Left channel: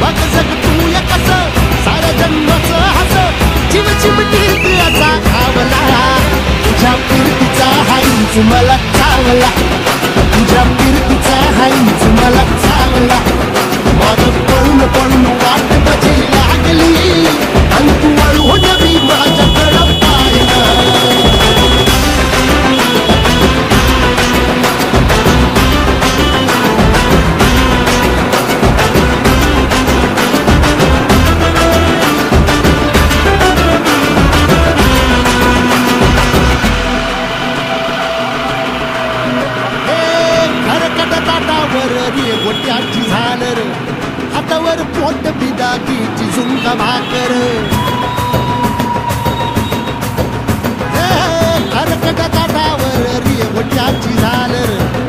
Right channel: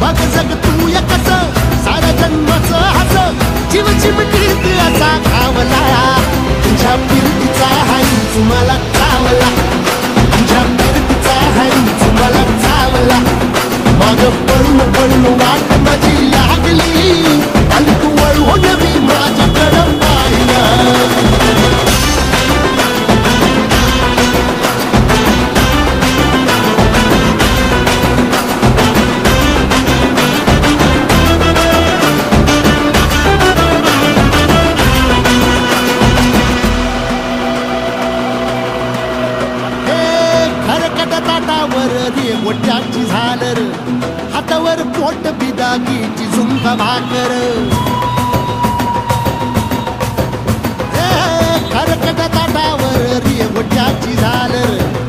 बघ जग तू या कस साऱ्या जन्माचं हस जीव चिमटीत असा खावला तुझ्या फिरतीचा हाईच मला चावला तुझ्या फिरतीचा हाईच मला चावला माग पळून पळून वाट माझी लागली आणि तू वळून बी माझ्याकडं पाहिलं ताटावर रे गोट्याची झालर हातावर पोट बिदागीची झुंका भाकर खरकट ताटावर रे गोट्याची झालर